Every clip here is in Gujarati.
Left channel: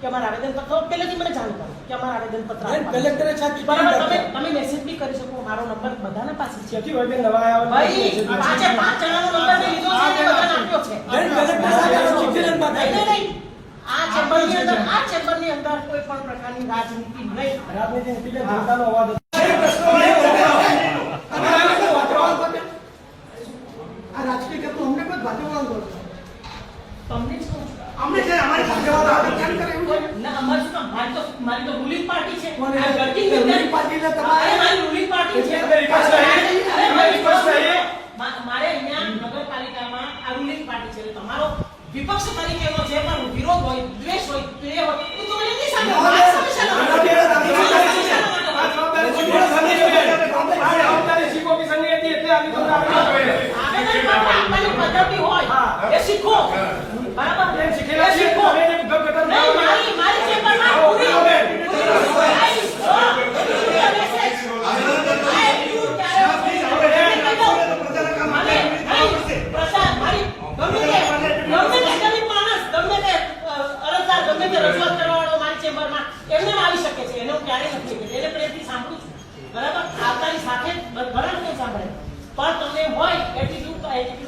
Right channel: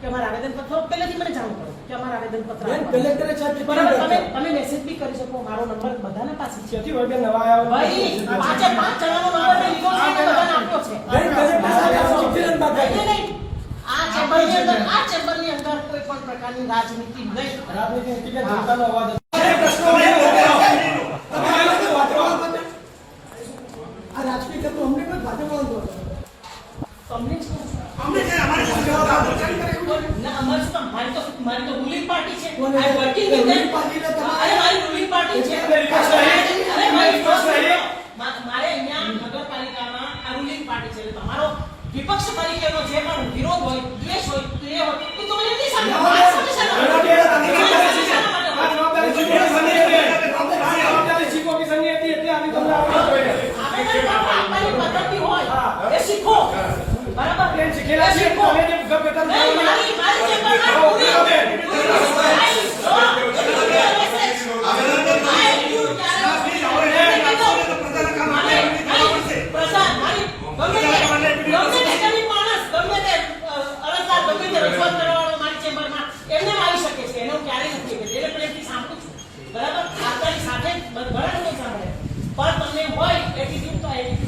કે અમારા આવેદનપત્ર પહેલેથી મને જાણ કરો કે અમારા આવેદનપત્ર કલેક્ટરે બરાબર તમે મેસેજ બી કરી શકો મારો નંબર બધાના પાસે છે ક્યાંથી હોય બે નવા આવ્યા ભાઈ પાંચે પાંચ જણાનો નંબર મેં લીધો છે એ બધાને આપ્યો છે કલેક્ટર સાહેબ ચિઠ્ઠી બાકી આ ચેમ્બરની અંદર કોઈ પણ પ્રકારની રાજનીતિ નહીં રાજનીતિ જનતાનો અવાજ આ રાજકીય કરતો અમને પણ ભાજપ તમને જ કહું અમને છે અમારે ભાજપ ના અમારે શું મારી તો રૂલિંગ પાર્ટી છે કોને? રૂલિંગ પાર્ટીને તમારે મારી રૂલિંગ પાર્ટી છે મારે અહીંયા નગરપાલિકામાં આ રૂલિંગ પાર્ટી છે એટલે તમારો વિપક્ષ તરીકેનો જે પણ વિરોધ હોય દ્વેષ હોય તો એ હોય તો મને એમની સામે એ શીખો બરાબર એમ શીખેલા છે તમે એને ગપ મારી ચેમ્બરમાં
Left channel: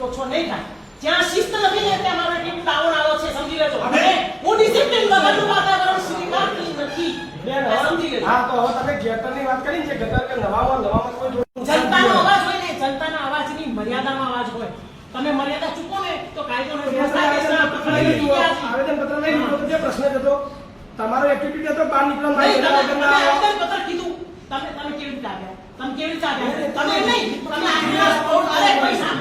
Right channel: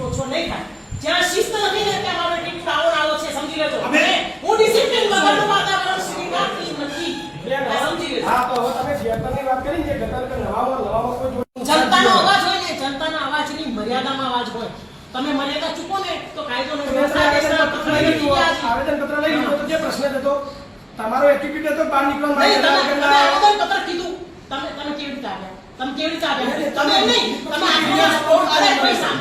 ઓછો નહીં થાય જ્યાં શિસ્ત નથી ને ત્યાં મારો એટીટ્યુડ ડાઉન આવો છે સમજી લેજો હું ડિસિપ્લિન વગરનું વાતાવરણ સ્વીકારતી નથી સમજી લેજો હા તો તમે ગટરની વાત કરી છે ગટર કે નવામાં કોઈ જનતાનો અવાજ હોય ને જનતાના અવાજની મર્યાદામાં અવાજ હોય તમે મર્યાદા ચૂકો ને તો કાયદોનો આવેદનપત્ર લઈ લીધો તો જે પ્રશ્ન હતો તમારો એટીટ્યુડ હતો બહાર નીકળવાનો આવેદનપત્ર કીધું તમે કેવી રીતે આવ્યા તમે કેવી રીતે આવ્યા તમે નહીં તમે આખા સ્પોર્ટ અરે પૈસા